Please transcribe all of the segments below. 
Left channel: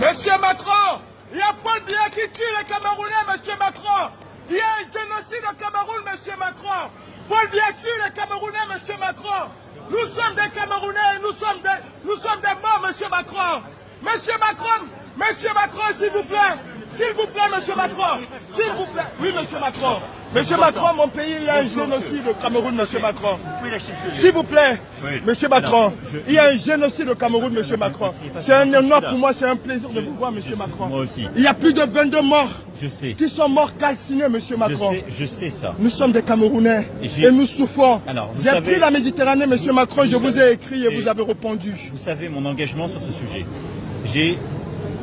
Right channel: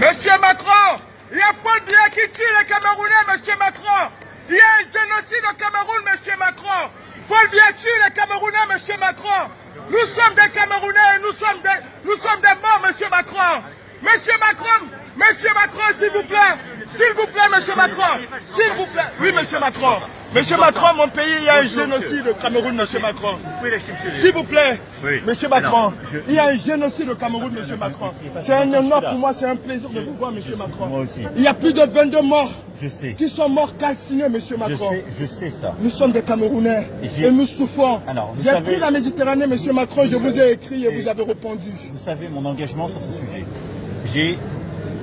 Monsieur Macron, il y a Paul Biya qui tue les Camerounais, monsieur Macron. Il y a un génocide au Cameroun, monsieur Macron. Paul Biya tue les Camerounais, monsieur Macron. Nous sommes des Camerounais et nous sommes des morts, monsieur Macron. Monsieur Macron, s'il vous plaît, monsieur Macron, s'il vous plaît. Oui, monsieur Macron. Monsieur Macron, mon pays, il y a un génocide au Cameroun, monsieur Macron. S'il vous plaît, monsieur Macron, il y a un génocide au Cameroun, monsieur Macron. C'est un honneur pour moi, c'est un plaisir de vous voir, monsieur Macron. Moi aussi. Il y a plus de 22 morts. Je sais. Qui sont morts calcinés, monsieur Macron. Je sais ça. Nous sommes des Camerounais et nous souffrons. J'ai pris la Méditerranée, monsieur Macron, je vous ai écrit et vous avez répondu. Vous savez mon engagement sur ce sujet. J'ai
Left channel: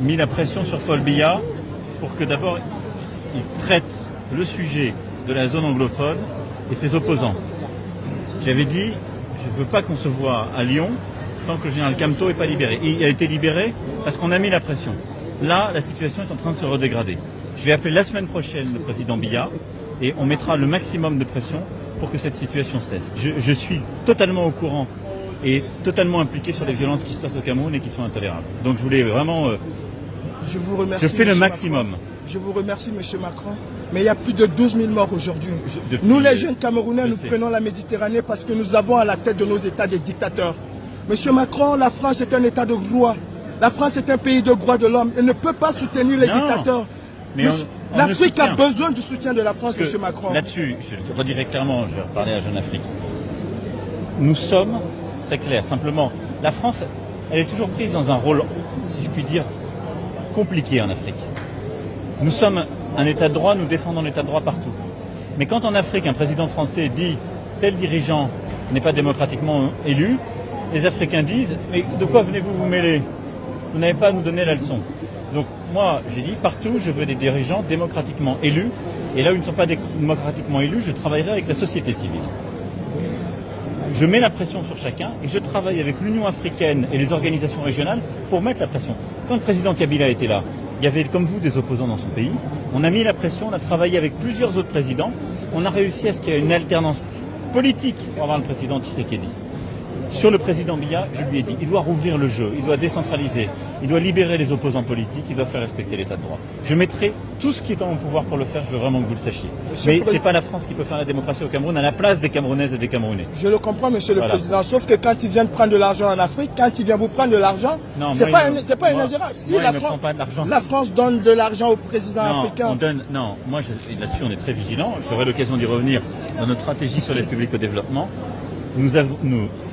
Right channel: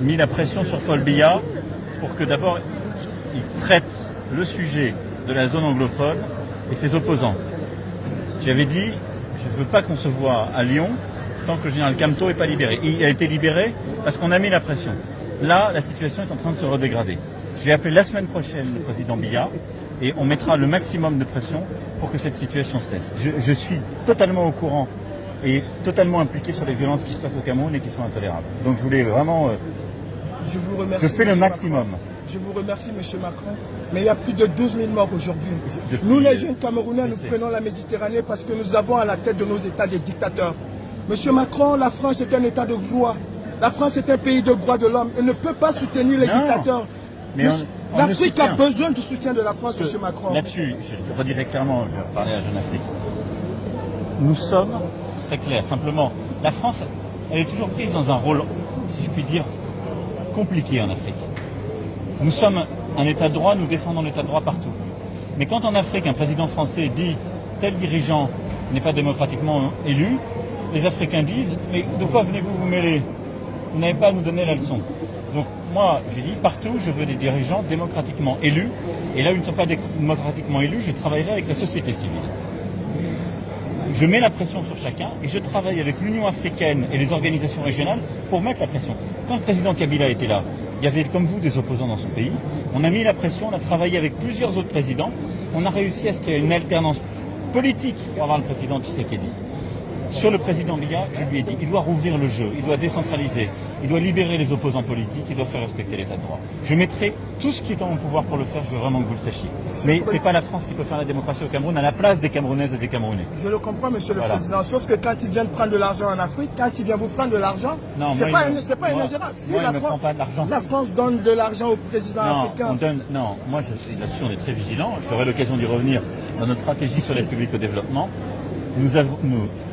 mis la pression sur Paul Biya pour que d'abord il traite le sujet de la zone anglophone et ses opposants. J'avais dit, je ne veux pas qu'on se voit à Lyon tant que le général Camteau n'est pas libéré. Il a été libéré parce qu'on a mis la pression. Là, la situation est en train de se redégrader. Je vais appeler la semaine prochaine le président Biya et on mettra le maximum de pression pour que cette situation cesse. Je suis totalement au courant et totalement impliqué sur les violences qui se passent au Cameroun et qui sont intolérables. Donc je voulais vraiment... je vous remercie. Je fais le maximum. Macron. Je vous remercie, monsieur Macron. Mais il y a plus de 12 000 morts aujourd'hui. Nous, les jeunes Camerounais, nous prenons la Méditerranée parce que nous avons à la tête de nos États des dictateurs. Monsieur Macron, la France est un État de droit. La France est un pays de droits de l'homme. Elle ne peut pas soutenir les dictateurs. L'Afrique a besoin du soutien de la France, monsieur Macron. Là-dessus, je le redirai clairement, je vais parler à la Jeune Afrique. Nous sommes... très clair, simplement, la France, elle est toujours prise dans un rôle, si je puis dire, compliqué en Afrique. Nous sommes un État de droit, nous défendons l'État de droit partout. Mais quand en Afrique, un président français dit « tel dirigeant n'est pas démocratiquement élu », les Africains disent « mais de quoi venez-vous vous mêler? Vous n'avez pas à nous donner la leçon ». Donc moi, j'ai dit partout, je veux des dirigeants démocratiquement élus, et là où ils ne sont pas démocratiquement élus, je travaillerai avec la société civile. Je mets la pression sur chacun et je travaille avec l'Union africaine et les organisations régionales pour mettre la pression. Quand le président Kabila était là, il y avait comme vous des opposants dans son pays. On a mis la pression, on a travaillé avec plusieurs autres présidents. On a réussi à ce qu'il y ait une alternance politique pour avoir le président Tshisekedi. Sur le président Biya, je lui ai dit, il doit rouvrir le jeu, il doit décentraliser, il doit libérer les opposants politiques, il doit faire respecter l'état de droit. Je mettrai tout ce qui est en mon pouvoir pour le faire, je veux vraiment que vous le sachiez. Mais ce n'est pas la France qui peut faire la démocratie au Cameroun à la place des Camerounaises et des Camerounais. Je le comprends, monsieur le président, sauf que quand ils viennent prendre de l'argent en Afrique, quand ils viennent vous prendre de l'argent, c'est pas une ingérence. Si la France donne de l'argent au président africain... Non, moi là-dessus on est très vigilant, j'aurai l'occasion d'y revenir dans notre stratégie sur l'aide publique au développement. Nous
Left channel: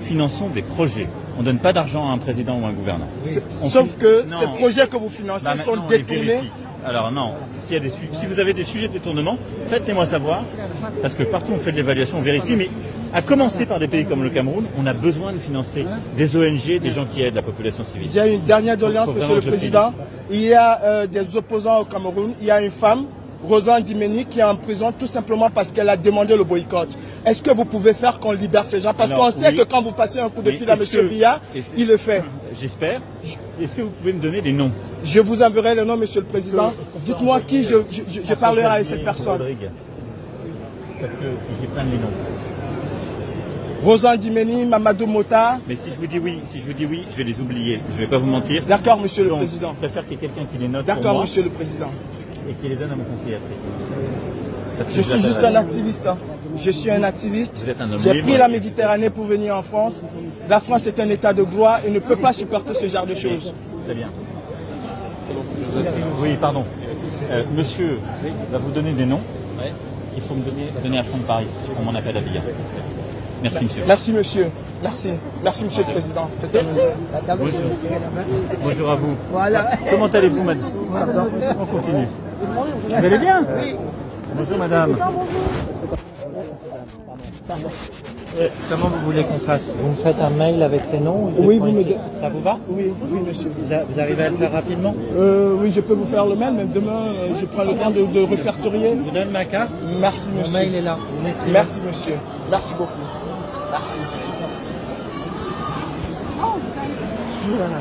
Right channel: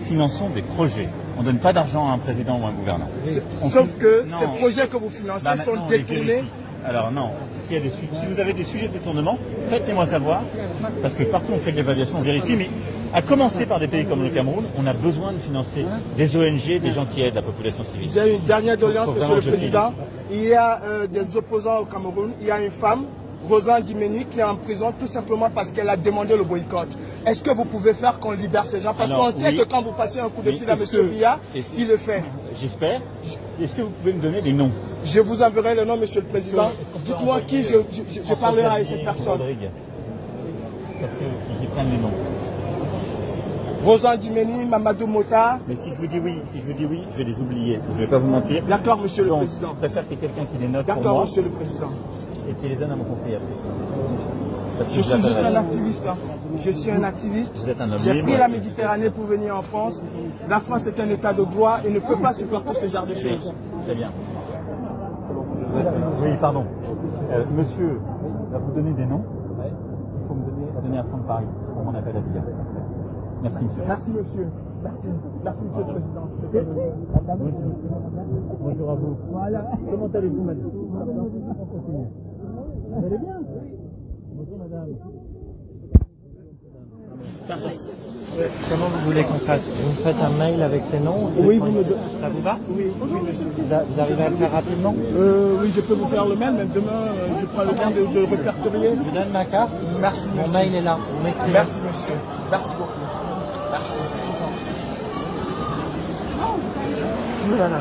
finançons des projets. On ne donne pas d'argent à un président ou à un gouvernement. Sauf que ces projets que vous financez sont détournés. Alors non, si vous avez des sujets de détournement, faites-les-moi savoir, parce que partout on fait de l'évaluation, on vérifie, mais à commencer par des pays comme le Cameroun, on a besoin de financer des ONG, des gens qui aident la population civile. Il y a une dernière doléance, monsieur le président. Il y a des opposants au Cameroun, il y a une femme, Rosanne Dimeni, qui est en prison tout simplement parce qu'elle a demandé le boycott. Est-ce que vous pouvez faire qu'on libère ces gens? Parce qu'on sait que quand vous passez un coup de fil à M. Biya, il le fait. J'espère. Est-ce que vous pouvez me donner des noms? Je vous enverrai les noms, monsieur le président. Dites-moi qui je parlerai à ces personnes. Parce que j'ai pas les noms. Rosanne Dimeni, Mamadou Mota. Mais si je vous dis oui, je vais les oublier. Je ne vais pas vous mentir. D'accord, monsieur le président. Je préfère qu'il y ait quelqu'un qui les note. D'accord, monsieur le président. Et qui les donne à mon conseiller africain. Je suis juste un activiste. Je suis un activiste. J'ai pris la Méditerranée pour venir en France. La France est un état de droit et ne peut pas supporter ce genre de choses. Très bien. Oui, pardon. Monsieur va vous donner des noms qu'il faut me donner à Front de Paris pour mon appel à Biya. Merci, monsieur. Merci, monsieur. Merci. Merci, monsieur le président. Bonjour. Bonjour à vous. Voilà. Comment allez-vous, madame? On continue. Vous allez bien? Oui. Bonjour, madame. Pardon. Comment vous voulez qu'on fasse? Vous me faites un mail avec ces noms? Oui, vous me donnez. Ça vous va? Oui, oui, monsieur. Vous arrivez à le faire rapidement? Oui, je peux vous faire le mail, mais demain, je prends le temps de répertorier. Je vous donne ma carte. Merci, monsieur. Mon mail est là. Merci, monsieur. Merci beaucoup. Merci. Voilà.